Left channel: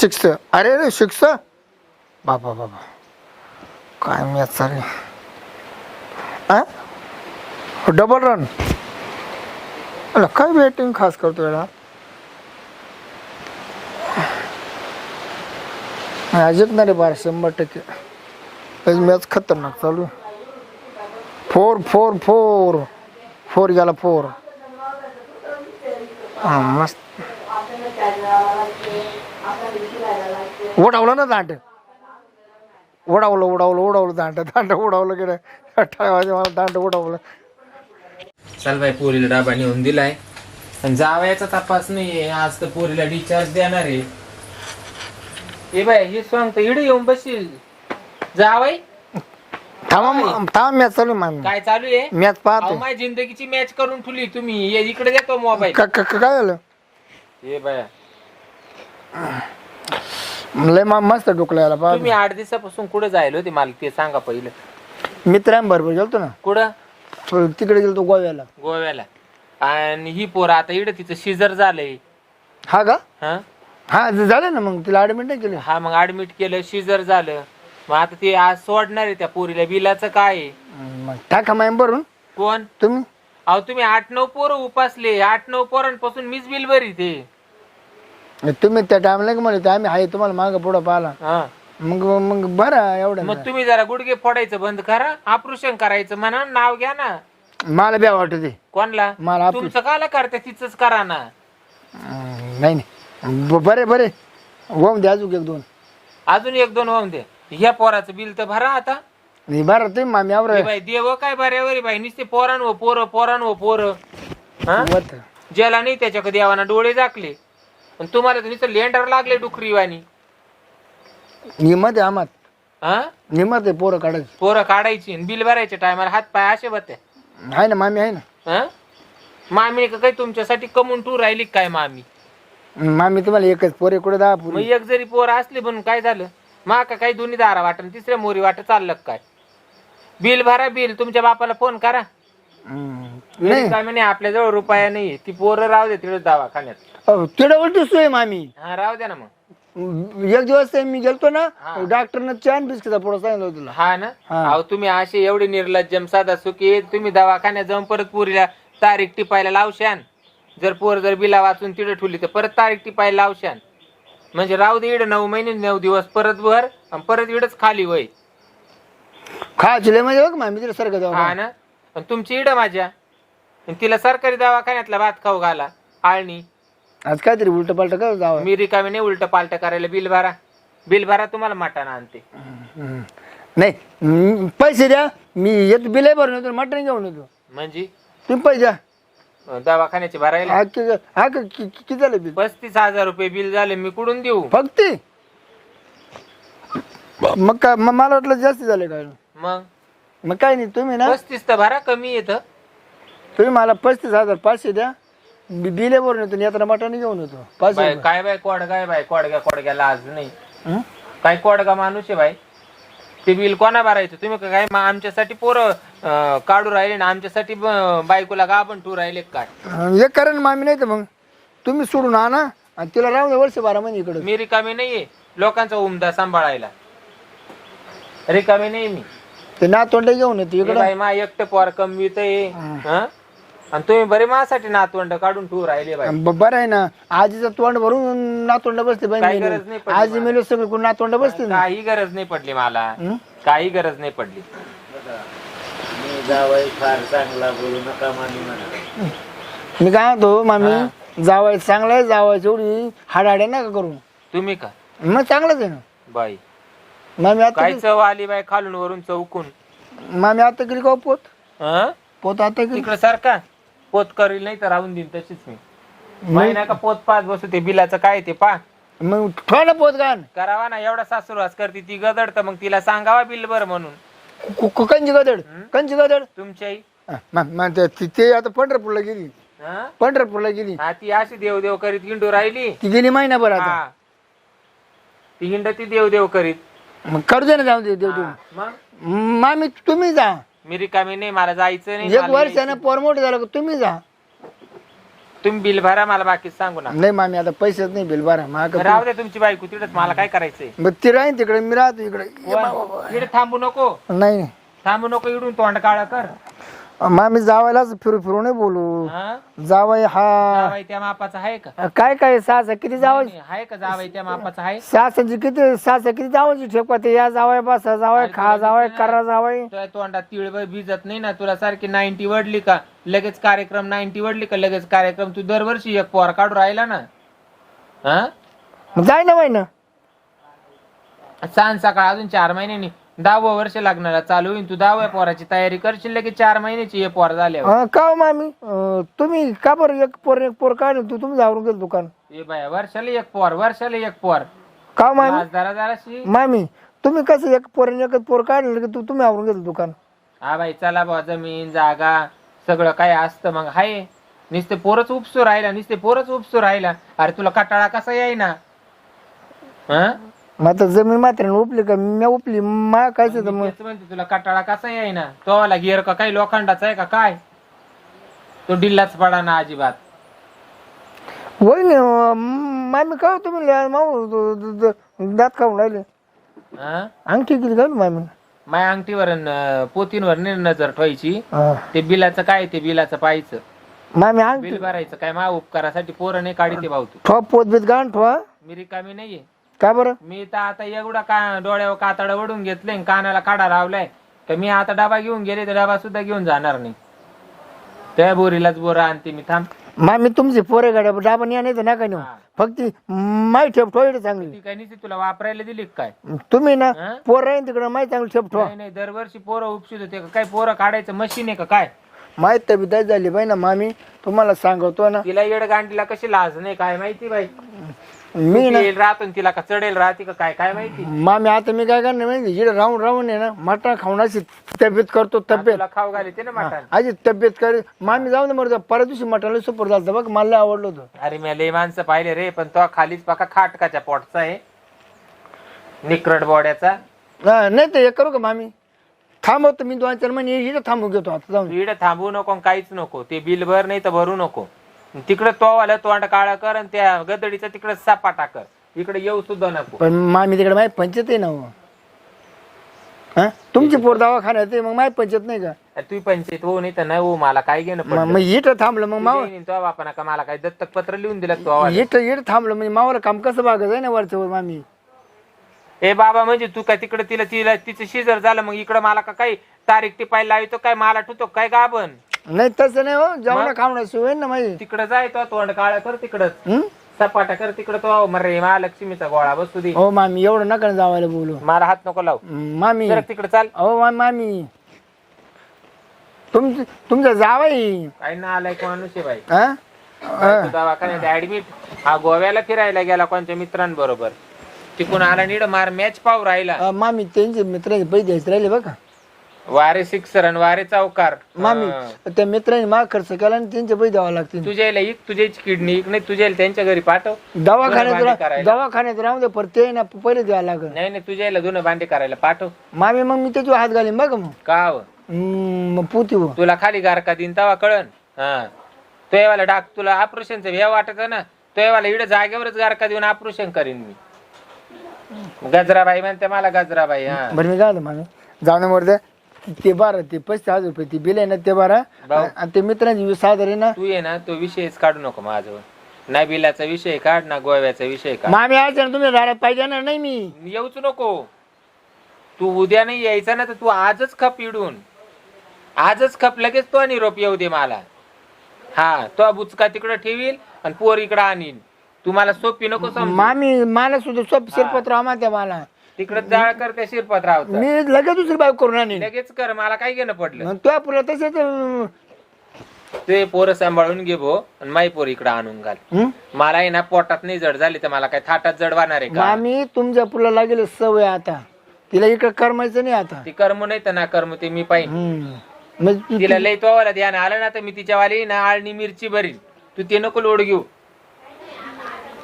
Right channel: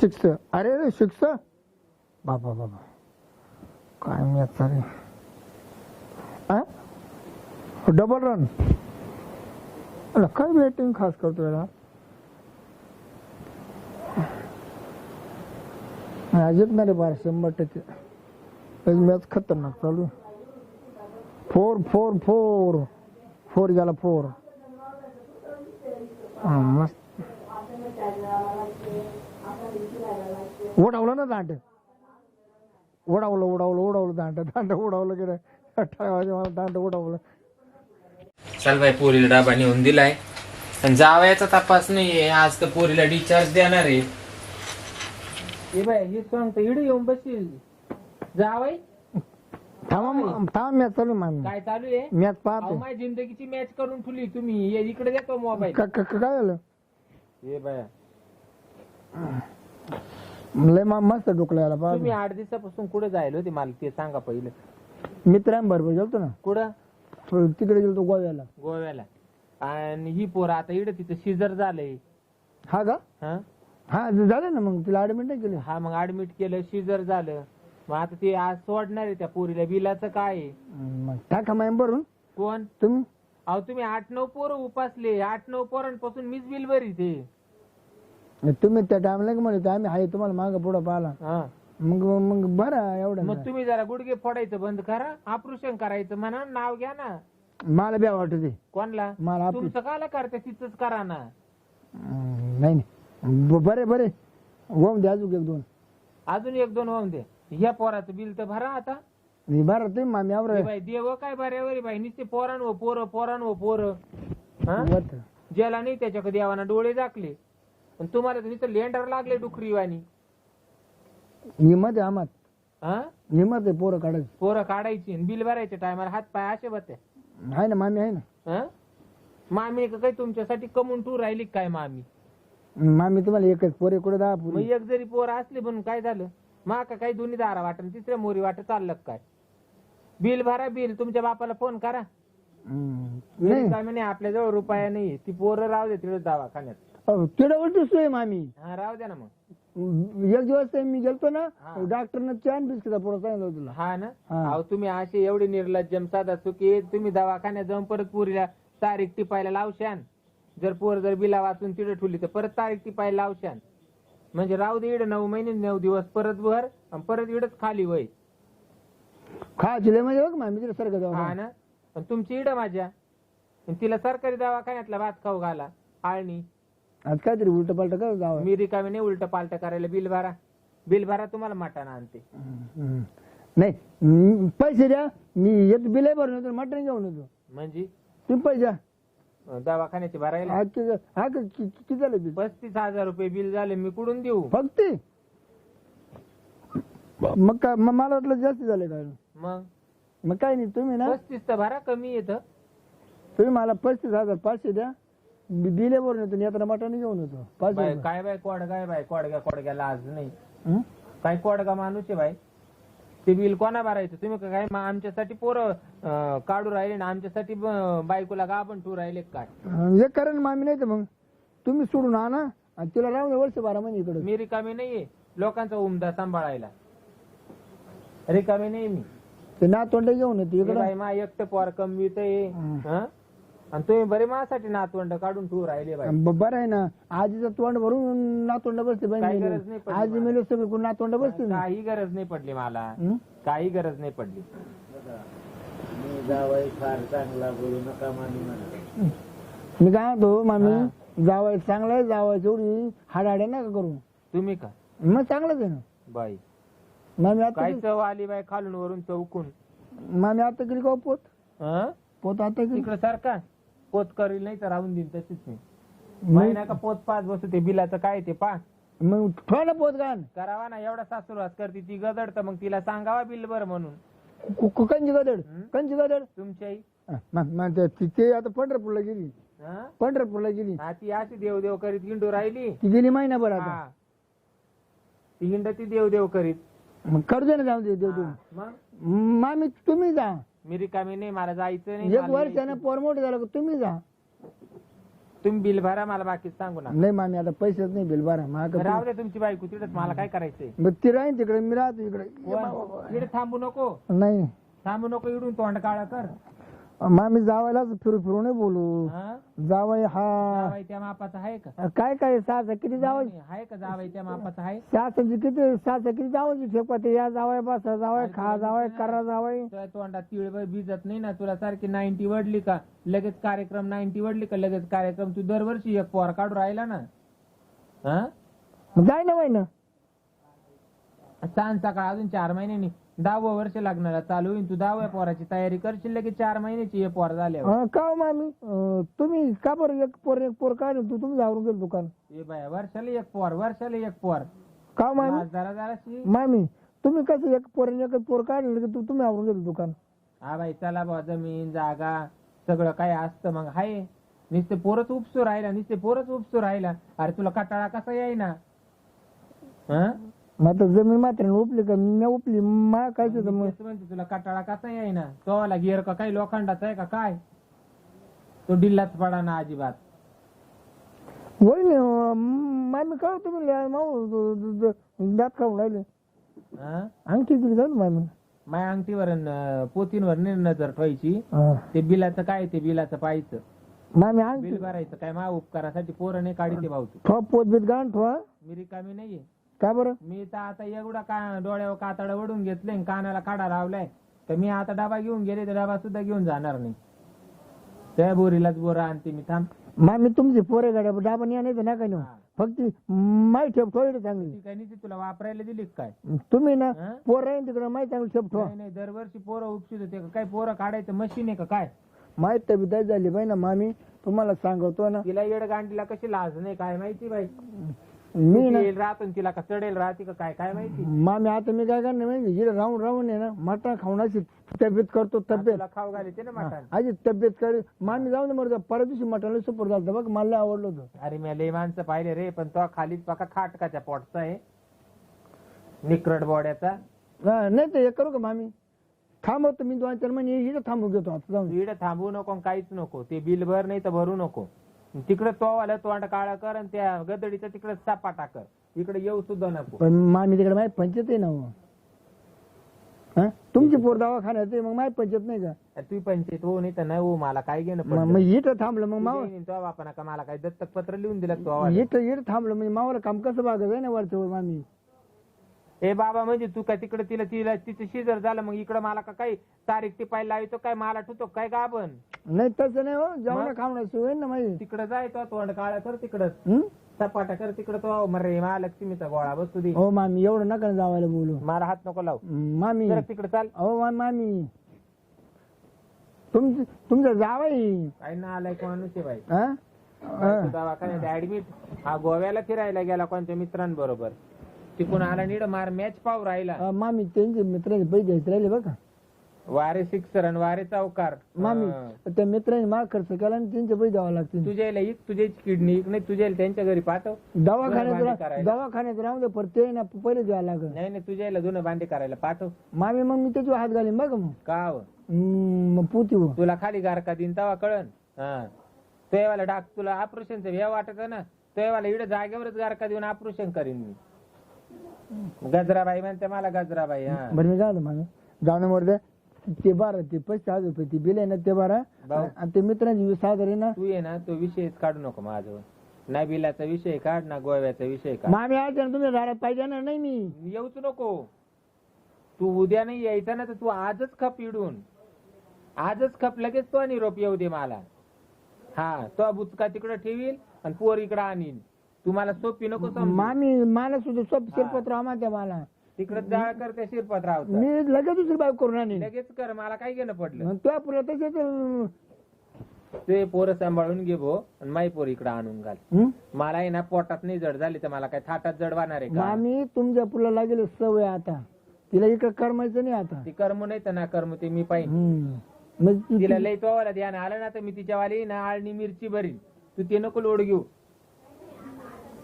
Six अरे अरे six बाबा बाबा. काय मी चालू आ? डबल रन अला काय बॅटिंग खास करतो याला जिंकणार बार शंभर टक्के. मॅच खतरनाक चालू आहे. फोर फोर फोर फोर गेला फोर हा मस्त. उडावलं ना दांड. उडावलं उडावलं उडावलं दांड. दांड उडावलं गेलं अठरा वाजे मला दांड उडावलं. चल बाई पोरीला डाबा नेऊन दिलाय. आणि जावयाचा तपास नाहीये. आज तर पोरीला डिस्चार्ज देणार आहे. ए बाय हे सांगतो इडे येऊन बसील जावय थांबा म- थांबा मॅच चालू आहे मामी काय चालू आहे? मॅच अहो, पाहते माझ्या जिंदगीची मॅच करून ठेवली तुम्ही. ये इकडे देतो मोबाईल. का- का- का- काय झालं? ए बाया. लय मा- मस्त डोकला याला तुम्ही पाहते आठ दिवसापासून कुठे जायला होते मला ते सांगा पहिलं. मित्रांबरोबर गेलतो ना. कुठं? तो तिकडे गेलतो गोव्याला. गोव्याला. आणि ही पोर आता इकडे तिचं शिजर झालंय. हा का? हा? हा ज- झालं ना मग तिला ऍडमिट नाही केली. हा मग ऍडमिट केलं शिजर झालं. मग आता ते आज सोडणार आहे त्या पोरीला. बिलाचं काय आहे? मग टाका माय भरून. कोण? तुम्ही? अहो तुम्ही आठ नऊ पोरं उपासले. आठ नऊ पोरांपासून मीच बिल भरी ते तुम्ही त्या टाइमला का म्हणले आम्ही आहे तुम्हाला मागं पुढं पाहिला. हा. मग मग बरं एवढं मग तुम्ही जरा गुडघे फोडायचं बंद करा ऑपरेशन करायचं म्हणा नाव घ्या ना. मला ब्या वाटत कोणला? मला आप- तुमचं काला करते तिचंच करा ना. नाही नाही. ब- बरे बरे. होऊन द्या अजून एक दोन. अजून एक दोन होऊन दे. ह्या पोराचं बिल तर भरा आता. नाही बरं तुम्ही मामी यावर ए बाई देव काय बऱ्यावर बाई नुसते पोरान व पोरं पोरान व पोरं. हा? वत. ज्याला नाही त्याच्याकडे देवाना डोळे झाकले. पण तुम्हाला तर नुसतं लेंडर लागले डुकरीवाणी. निमत आहे आमात हा? निमत आहे पोरं काढायची. पोरं काढायची आणि बिल भरायच्या टायमाला हात पाय असे बत्या आहे ना मामी आहे ना. हं? मामी का काही तुमच्यासाठी कमवून टूर राहिली का काय मामी? मामी तुम्हाला एकच पोरे कुठे दहा मग पुरी एक जरी पोर असली म्हणून काय झालं? मा का काही दोन्ही दारा वाटत तिसऱ्या मोरी वाटत चाललं का काय? बिल भरा बिल तुमच्या बापाला फोन करा. नाही काय म्हणे आपल्या जवळ रुपया नाही ती पोरं राहू दे तिकडे दवाखान्यात. उलटी सोय मामी. हा राहू द्या ना मग. एक दिवस ते मी गेलतो ना हा. डॉक्टरनं छान बिस्किटा पुढं सांगितलं होतं तुला. हा ना? हा. अहो तुम्ही असे एवढे निर्लज्जम साधा सुखी तुम्ही दवाखान्यात जाऊन परत पुरीला तारीख टिपायला लावशान. जर पोर जर बिला वाचून तिथे ठेवली तर परत तारीख टिपायला लावशान. म्हणजे राहू दे इड नऊ महिने नऊ दिवस परत भर आणि परत इडच खाली वय. खायची लय म्हणजे बघ मामी तिला सारखं जाऊ हा ना? आणि तुमची इड माझ्या. आणि तिला सरकारी दवाखान्यातला भात खाऊ घाला आळणी. आज काहीतरी उलट पालट कर जावं. मी रिकामी नाही उलट पालट करायला बिल भरा. बिल भरा तुम्हाला मटाना आणते. हम्म. नाही हम्म, पैसे द्या. मी येतो बिल भरून येतो मटण घेऊन येतो. म्हणजे? तुम्ही पैसे द्या. अं, दवाखान्याचे भरायला? हा कि- हा का- कि- कि- किती झालं बिल? पस्तीस हजार रुपये बिल झाले मी कुठून देऊ? फक्त? मग काय मग मला वाटलं जास्त झाले काय मग? मग काय नाही तुम्ही ना पस्तीस तर भरा कमी येत. तुम्ही मला पस्तीस हजार पाचशे द्या. बि- बिले भरून येतो येताना मटण घेऊन येतो. पाचशे बाय रुपये. काय बाय कोडगा आहे बाय कोडग्या कोडग्याला आज नाही. हं? काय कोडगा माणूस आहे बाय ते बिल कोणा भरायचं? तुम्ही का काय मग आमच्यासाठी पोरं अं, काढू राहिले ना आमच्यासाठी ब- बायकोला का आपण टू राहिले का काय? अं, एक कारण मामी नाही तर मग? तुम्ही सोडून आणा आणि तिला राहून द्या वर्ष बारा महिने इकडे. मी रिकामी नाहीये. लोकांचा उमदा सांभाळायला. रिकामी नाही मी. ते नातवंड घेऊन येतो हे इकडं. बाई मा एकटं पोर कमवित आणि तुम्ही बरे माझ्यासाठी नातवंड काढून टू राहिले बाई. ब- बरं आहे ना. आजीचं तोंड भरून नातोंड बसते बाई काही मेली. गरज नाही पडली आजी मेलो. सगळे कोण नातोंड बसते ना? काही गरज नाही पडली मला. हं? काही गरज नाही पडली. मी काय म्हणतो मामी जावाय चांगला आहे जावायची एवढी हाडाड्या नका करू तुम्ही का? मग चांगलंच आहे ना. बाई. मामी आता काय चव आली बाई खालून वरून चौकून. मामी आता केली का हो पोत? हं? पोत आता तिकडे सारखा? पोत करील नाही तर राहून देईन तशीच मी. माही नाही का पोत पाच बसू ते बिलाचं काय ते पा मग थोडा पोत गाण. करावा ना एवढा सासूरवास करते ती गदड तर मग तिला सांगावा बिल बर म्हणून. कु- कु- कंची गदड? कंची गदड? तुमच्या आई? हा, मा- मा- ते- ती- ते आता पंढरपूरला गेली. हं? पंढरपूरला गेली. हा ती अशी देव देव करीत हिंडू राहिली. ती गेली महिनाभर आता. हा. ती हिंड ती देव देव करीत. मग करू दे ना जाऊ दे देऊ. हा. मग? मामी तुम्ही जा. मी रिकामी नाही मला जायचं नाही एक मला वर्षानं पोर मोठं झालं का तुम्ही जा. तुम्ही बिल भरा मला बाकी सांगू ना नाही मामी आता पैसेच नाही बिल माग राहू द्या तुमची बायको तिकडच मला काय करायचंय? मग ती राहीन तिकडे मी राहतो इकडे. इकडे थांबू नको. नाही. थांबू नको इकडून तोंड काळा कर. मामी जावायलाच फिरू फिरू नाही बोलू. हा? जावाय हा. जावई त्या मापाचा आहे का? काय काय सास किती जावाय नाही, आहे का जावई त्या मापाचा आहे? सासाची किती सास किती जावायची ठेपा ते या जावाय बसा जावाय खा जावाय करा जावाय. तुझ्या तोंडात तिळभर भिजत नाही ना? तुला सारखी नाईन्टी वडली का? लगेच कार्यक्रम नाईन्टी वडली का? लगेच कार्यक्रम तू दरवर्षी एक पोर काढून राहिला ना? हा? जाय ना माहिती सांग सकाळ अजून चार महिन्यांनी. दहावं वर्ष लागणार चालू होईल तू दहाव्या पोराची तयारी करशील लगेच चार महिन्याची हे पोर झाल्यावर. का हो मामी? अं, तुम्ही का बरं एक पोर एक पोर काय तू तुम्ही जावरून गेलो दुकान? ए बाया वर्षाला एक पोर वर्षाला एक पोर. का हो मामी? आज जरा जराशी. मामी तुम्ही कसं एक पोर आणि एकच पोर काढलं की तू तुम्ही आवरून गेलो दुकान? हा बाई चला बा जमीन जागा सगळं काय असतं मग. हाय नुसते पोरच उपसू राहिला नुसते पोरच उपसू राहिला. अरे तुला कटाळा कसा येईना? हा? मग आता जमीन मात्र उपली का? मी उपली मा काय तर मग तेच म्हणते तुला कटाळा कसा येईना? तो वाला गिअर का काही लोखंडाचा आहे का काय? तो डिल्लाच पडा ना अजिबात. होय ना मामी काय तुम्ही माऊ द- द- द- दात खाऊन राहिले. हा? अंगठी किती घालू मामी माय अंगठीवर न- पोतींवर नाही नजर ठेवायची. हा. ते बिलाचं काय ते बिलाचं पाहायचं. मामी अंगठी बिल भरायचं काय मा उपकारासाठी पोरं नाही काढते भाऊ तू. ठोवा पोत बीत गाण ठोवा. मी रिकामी नाहीये. का बरं? मी तर आता एवढा का डोळ्यावर कातड वडून घेतले कानाला काढा लावलाय. तर मी आता डबा घेऊन गेले तर डबा सुद्धा घेऊन जाणार नाही. त्या बोरीलाच बोरा आणते मी थांब. मामी तुमची पोरे गाड्या डाबा नाही तर नका नेऊ. फक्त माई ठेप ठेवा चांगली. ती काय नाही तुला वापरायला दिली का काय? तुम्ही ना हा? पोर राहीन तिकडे माई चांगली ठेप ठेवा नाही नाही दरवर्षी पोरं उपसित होते का? काय पोरं काढायचं मशीन आहे का काय? माहीत तब्येत झाली बाई ना मामी. तुम्हाला सांगतो ना. तिला येड गांडीला कशी लाज नाही काय माहिती बाई? मी ना येईल राहतो आणि तिला का चढेल राहते का काय काय माहिती? मामी आता मी काय करणार माहिती? इकडे राहून राहून आहे ना मटण खावण्याची तब्येत करतो तब्येत. तुला खाऊ घाली ते ना मटण. आजी तब्येत कर. मामी जाऊ दे मरजा परत दिवशी मटणाला सुपर झालं बघ मला लय आवडलं होतं. अरे मी लय माणसं पाहिले रे पण तो खालीच पाका खाटकाच्या पोटचा आहे. निकरट बोड्याचा. हा, नाही तर हे करू का मामी? थांबवतो मी दोन चार महिने इकडे थांबू घेतो आता जाऊन. इकडे थांबू नको आणि काहीच नको. ते बिल भर नाही तर भरू नको. तिकडे तो आला तोंड काळा कर आणि त्या गदडीचा तिकडे सापाटा कर. इकडे येऊ सुद्धा नको. पण मामी तिकडे माही पंचायत आहे ना हो. हा? तुमची पोर दवाखान्यात आहे मग माही पंचायत नाही का? तू पंचायत हो नाही तर नाही हो मला काय घेणं मग पडलं? मग इथं थांबलं मग माव तुझ्या तो बापाना का? मला काय दत्तक पत्र लिहून दिलं तो आवाज इथं इथं थांबलं म्हणजे मावाला काम कसं बागत आहे ना वरच्यावर मामी? ए बाबा म्हणजे तू काय तिकडे तिला तिला तिचं शिजर झालं मग इकडे मला का काही तारीख टिपायला लावितो काय मला ठुतो काय गाबन नाही तसं नाही हो. जेवणा खावणं सोय ना माझी. तिकडे जाय तो तोंड काळा कर तिकडच हं? सपाटा कर तिकडे तो. मरे महालक्ष्मीचा गोळा बसू दे. हो मामी एवढं नका जावायला बोलू. मला हात नको लाव. मामी. जरा तिकडे चाल. हो मा- मामी. तुमचं तुमचं जावाई काय ना आलाय कोणानुस आहे बाई. हा? दवाखान्यात ऍडमिट हा गोव्याला फिरायला गेला कोणत्या मित्रांबरोबर. तिकून आला नीड मार मॅच पाव राहिला. अं, मामी त्यांचे मित्रांचे पैसे द्यायचे राहिले बघा. वारे सिक्सर आणि वारे चौकार. मामी. त्या मित्रांनी माग खर्च केला आणि त्यांचे पैसे द्यावे लागतील. तुझ्याला एक तुझ्याची किडनी एक नाही तुझ्याला त्यांच्या घरी पाठव. दवाखान्यात भांडी रा- करायला. दवाखान्यात राहू दे पर ते ना पहिले द्यावं लागेल. नाही नाही तुझ्याला धुणं भांडे करायला पाठव. मामी मग मी त्याच्यावर हात घालीन बघा मग. का हवं? हम्म, मग पुती हो तुला खाली गारका दिन तवा कळन. हा. तो येवाला डाक तुला ऑपरेशनचं हे वाटत ना तो येवाला इकडे जागेवरच गारका देऊन ऑपरेशन करीन मी. गजराबाई म्हणते मला गजराबाई हा. बरं मी म्हणतो मामी. जाऊन वर द्या ते बारा ते पस्तीस हजार रुपये ते बिल आहे ना ते बारा. भाऊ. आणि ते मित्रांची वीस हजार आहे ना. तू ये ना तो विषयच काढू नको माझ्यावर. ना बिलाचा विषय काढ ना गोव्याचा विषय काढ. मामी आज तुम्ही पाहिजे ना नाही मी. येऊच नको. तू उद्या नाही यायचा ना तर तू आजच खप इडून. आजच खप लगेच तो निरोप येऊ दे मला. हा तो बुचका तिकडे ठेवील आणि पोर इकडे आणीन. तू मला सोपी नको समजू. मामी मला सुद्धा सोप शिरपत्र आम्हाला मला. तिकडे जाळ कर त्या शिरपतरावचा. मी लगेच दुसरी बाईक करून आणीन. लगेच कर मला काय घेणं पडलं? मग तुझ्या पुढे तसेच अं, ते पोरं सांभाळून घे भो आणि माई पोर इकडे आणून घाल. हं? मला आहे ना पोटात नाही जड झाली तर मला काय थाटात जड वाहणार आहे का? मामी तुमच्या पुला लागेल सवय आता. तिला इकडे करमायचं नाही आता. ती कर्म नाही तर ना कर्म ते मी पाहिजे. मग ती- तिला लई तोवाला ध्यान आलं ना तर मी तिच्यावाली ना आळणी मिरची भरीन. तू ते नको लोड घेऊ.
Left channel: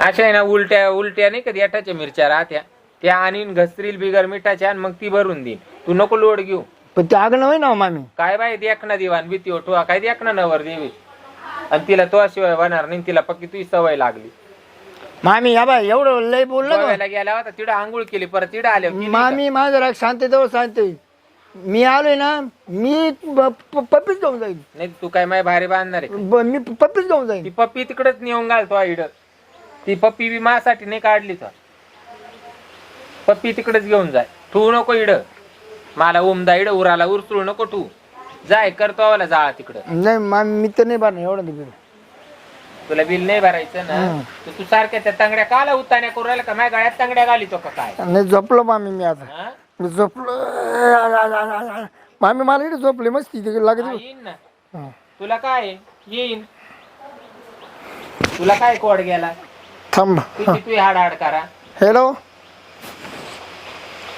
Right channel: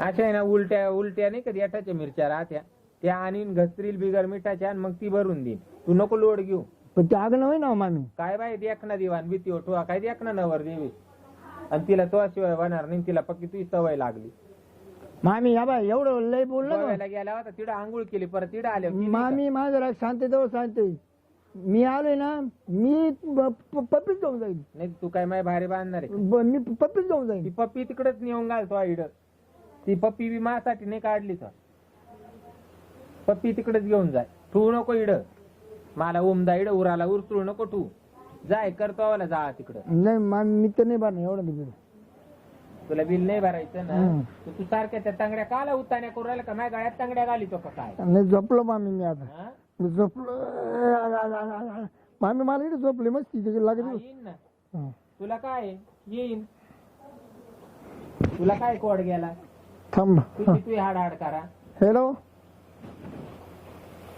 अशा आहे ना उलट्या उलट्या नाही कधी एटाच्या मिरच्या राहत्या. त्या आणीन घसरील बिगर मिठाच्या आणि मग ती भरून देईन. तू नको लोड घेऊ. पण ते आगणं होय ना हो मामी? काय बाई देख ना दिवाण भीती ओठवा काय देख ना नवर देवी? आणि तिला तो शिवाय होणार नाही तिला पक्की तुझी सवय लागली. मामी या बाय एवढं लय बोललं? गोव्याला गेला होता तिथं आंघोळ केली परत तिथं आले मामी माझं राग शांततेवर शांत मी आलोय ना मी प- पप्पीच घेऊन जाईन. नाही तू काय माय भारी बांधणार आहे? ब- मी पप्पीच घेऊन ती जाईन पप्पी तिकडेच नेऊन घालतो इड. ती पप्पी बी माझ्यासाठी नाही काढली तर. पप्पी तिकडेच घेऊन जाय. ठेवू नको इड. मला उमदा इड उराला उरसळू नको ठू जाय करतो आवाला जाळा तिकडं. नाही मी तर नाही भरणार एवढं नाही बिल. तुला बिल नाही भरायचं ना. तर तू सारख्या त्या तांगड्या काला उताण्या करू राहिला का? माझ्या गळ्यात तांगड्या घालितो का काय? नाही झोपलो मामी मी आता. हा? मी झोपलो. मामी मला इकडे झोपली मस्ती तिकडे हा, लागत येईन ना. हं. तुला काय? आहे? येईन. तुला काय कोड गेला? थांब. तू हाड हाड करा. हॅलो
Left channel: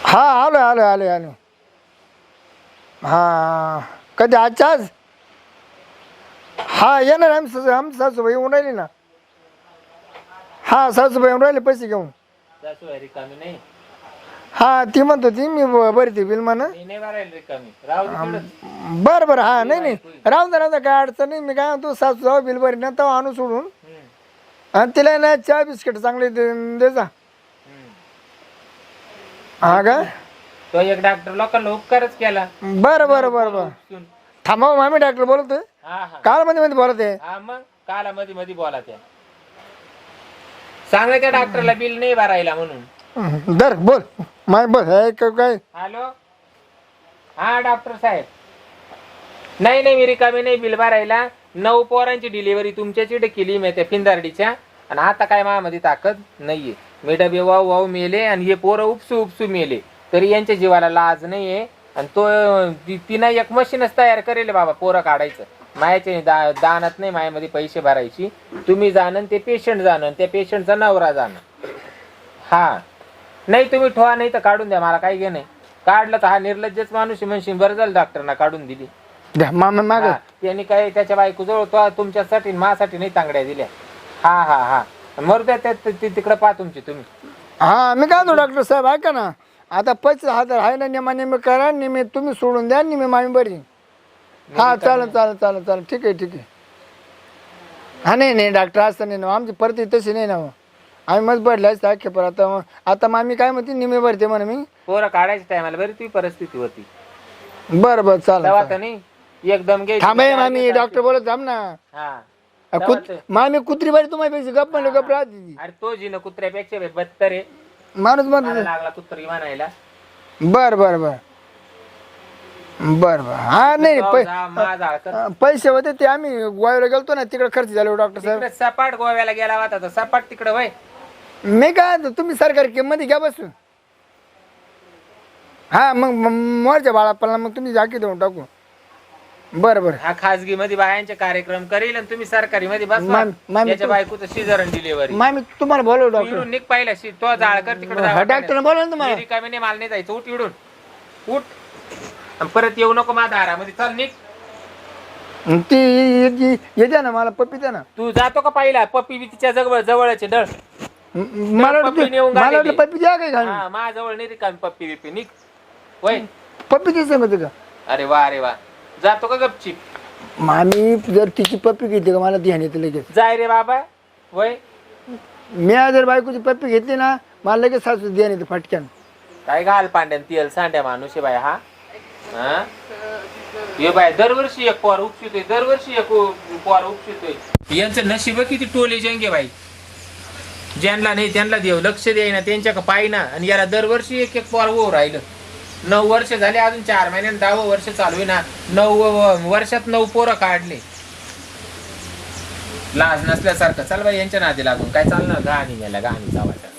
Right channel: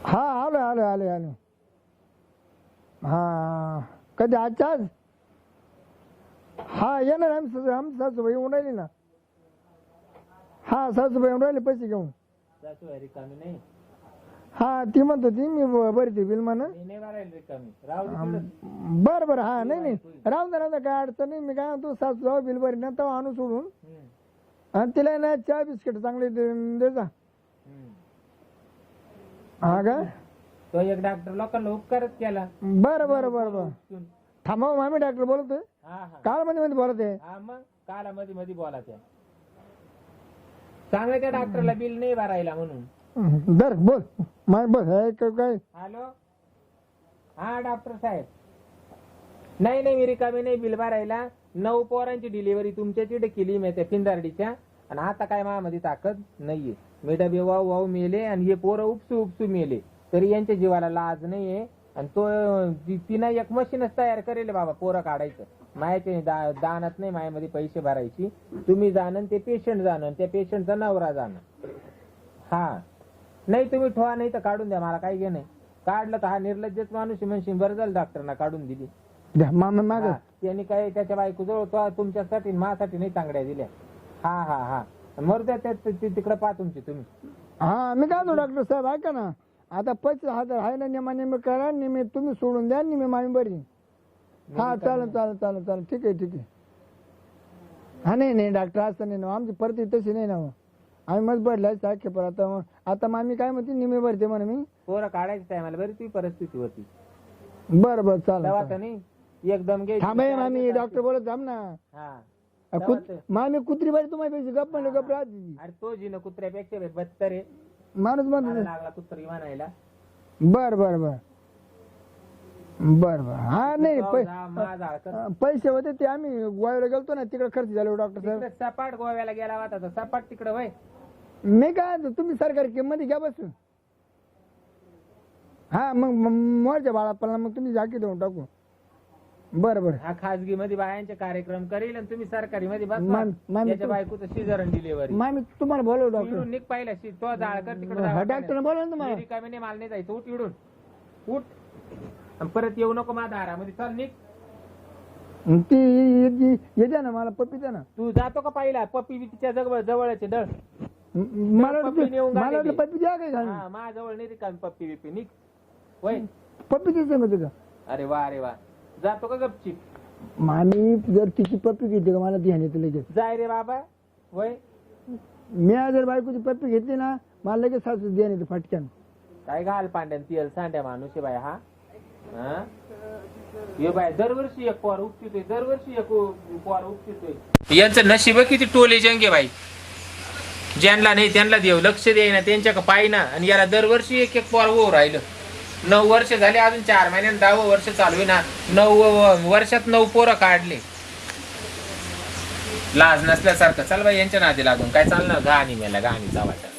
हा आलो आलो आलो आलो. हा कधी आजच्या आज? हा येणार आम्ही सासू आमची सासूबाई येऊन राहिली ना. हा सासूबाई येऊन राहिले पैसे घेऊन. रिकामी नाही हा ती म्हणत होती मी ब- बरी ती बिल म्हणा मी नाही भरायला रिकामी. राहू दे तिकडं. बरं बरं हा नाही नाही. राहून दे राहून दे काय अडचण नाही. मी काय म्हणतो सासू जाऊ बिल बरी ना तेव्हा आणू सोडून. हम्म, आणि तिला ना चहा बिस्किट चांगले दे- जा. हा का? तो एक डॉक्टर लोकांना उपकारच केला. बरं बरं बरं बरं. उपसून. थांबा मामी डॉक्टर बोलतोय. हा हा. काल मध्ये मध्ये बोलत. आहे हा मग? काला मध्ये मध्ये बोला त्या सांगा त्या डॉक्टरला बिल नाही भरायला म्हणून. हं, दर बोल. माय बस हे क- काय हॅलो? हा डॉक्टर साहेब. नाही नाही मी रिकामी नाही बिल भरायला. नऊ पोरांची डिलिव्हरी तुमच्याच इकडे केली मी त्या फिंदार्डीच्या आणि आता काय माझ्यामध्ये ताकद नाहीये. मी डबे वाहू वाहू मेले आणि हे पोरं उपसू उपसू मेले. तरी यांच्या जीवाला लाज नाहीये. आणि तो ती- तिनं एक मशीनच तयार करेल बाबा पोरं काढायचं. मायाचे दा दानात नाही मायामध्ये पैसे भरायची. तुम्ही जाणं ते पेशंट जाणं त्या पेशंटचा नवरा जाणं हा. नाही तुम्ही ठेवा नाही तर काढून द्या मला काही घे नाही काढलं तर हा निर्लज्जच माणूस आहे म्हणशील बरं झालं डॉक्टरना काढून दिली. द्या मामा माग. हा, त्यांनी काय त्याच्या बायको जवळ तो तुमच्यासाठी माझ्यासाठी नाही तांगड्या दिल्या. हा हा हा. मरू द्या त्या ती- तिकडं पहा तुमची तुम्ही. हा मी काय डॉक्टर साहेब ऐका ना. आता पैसे हजार आहे ना नेमा नेमे करा नेमे तुम्ही सोडून द्या नेमे मामी बरी. हा चालेल. चालेल चालेल चालेल ठीक आहे ठीक आहे. हा नाही नाही डॉक्टर असं नाही ना. आमची परती तशी नाही ना हो. आम्ही भरले असते अख्खे पर. आता आता मामी काय म्हणते निमे भरते म्हणा मी. पोरं काढायच्या टायमाला बरी तुझी परिस्थिती होती बरं बरं चालेल तेव्हा चालेल. तर नाही. एकदम घे. थांबे मामी डॉक्टर बोलत थांब ना. हा. कुत मामी कुत्री बारी तुम्हाला गप म्हणलं गप राहते ती. अरे तो जी ना कुत्र्यापेक्षा बे बत्तर आहे माणूस मला म्हणतो लागला कुत्री म्हणायला. बर बर बर. बर बर. हा नाही पै- जा, माझा पैसे होते ते आम्ही गोव्याला गेलतो ना तिकडे खर्च झाले डॉक्टर साहेब. तिकडे सपाट गोव्याला गेला होता तर सपाट तिकडे वय. मी काय म्हणतो, तुम्ही सरकारी किंमत घ्या बसून. हा मग मोरच्या बाळापणला मग तुम्ही जाकी देऊन टाकू. बरं बरं. हा खासगी मध्ये बायांचे कार्यक्रम करेल आणि तुम्ही सरकारी मध्ये बस. मॅम- मॅम, त्याच्या तू- बायकोचं शिजरण डिलिव्हरी मी तुम्हाला बोलव डॉक्टर इडून निघ पाहिला शि- तो जाळ कर तिकडे हा, डॉक्टरने बोलव ना तुम्हाला? रिकामी नाही मला नाही जायचं. उठ इडून. उठ. आणि परत येऊ नको माझ्या दारामध्ये. चल निघ. ती ये- ये- येते ना मला पप्पी द्या ना. तू जातो का पाहिला? पप्पी बी तिच्या जवळ जवळचे डळ. म- मला पप्पी नेऊन मला वाटलं गाडीली. पप्पी द्या काय घालून हा माझ्या जवळ नाही रिकामी पप्पी बिप्पी. निघ. वय. पप्पी ती सांगते का अरे वा अरे वा. जातो का गपचिप? मामी जर तिची पप्पी घेते का मला ती हानी लगेच. जाय रे बाबा. वय मी जर बायकोची पप्पी घेतली ना मला लगेच सासू द्या नाही फटक्यान. काय घाल पांड्यान तेल सांड्या माणूस आहे बाय हा? हा? ये बाय दरवर्षी एक पोर उपशितोय दरवर्षी एक पोर उपशितोय. यांचं नशीब किती टोले जंगे बाई. ज्यांना नाही त्यांना देव लक्ष द्यायना त्यांच्या का पायना आणि याला दरवर्षी एक एक पोर ओ राहिलं. नऊ वर्ष झाले अजून चार महिन्यात दहावं वर्ष चालू आहे ना. नऊ वर्षात नऊ पोरं काढले. लाज नसल्यासारखं. चल बाई यांच्या नादी लागून. काय चालणार? गाणी मेला गाणी चावायच्या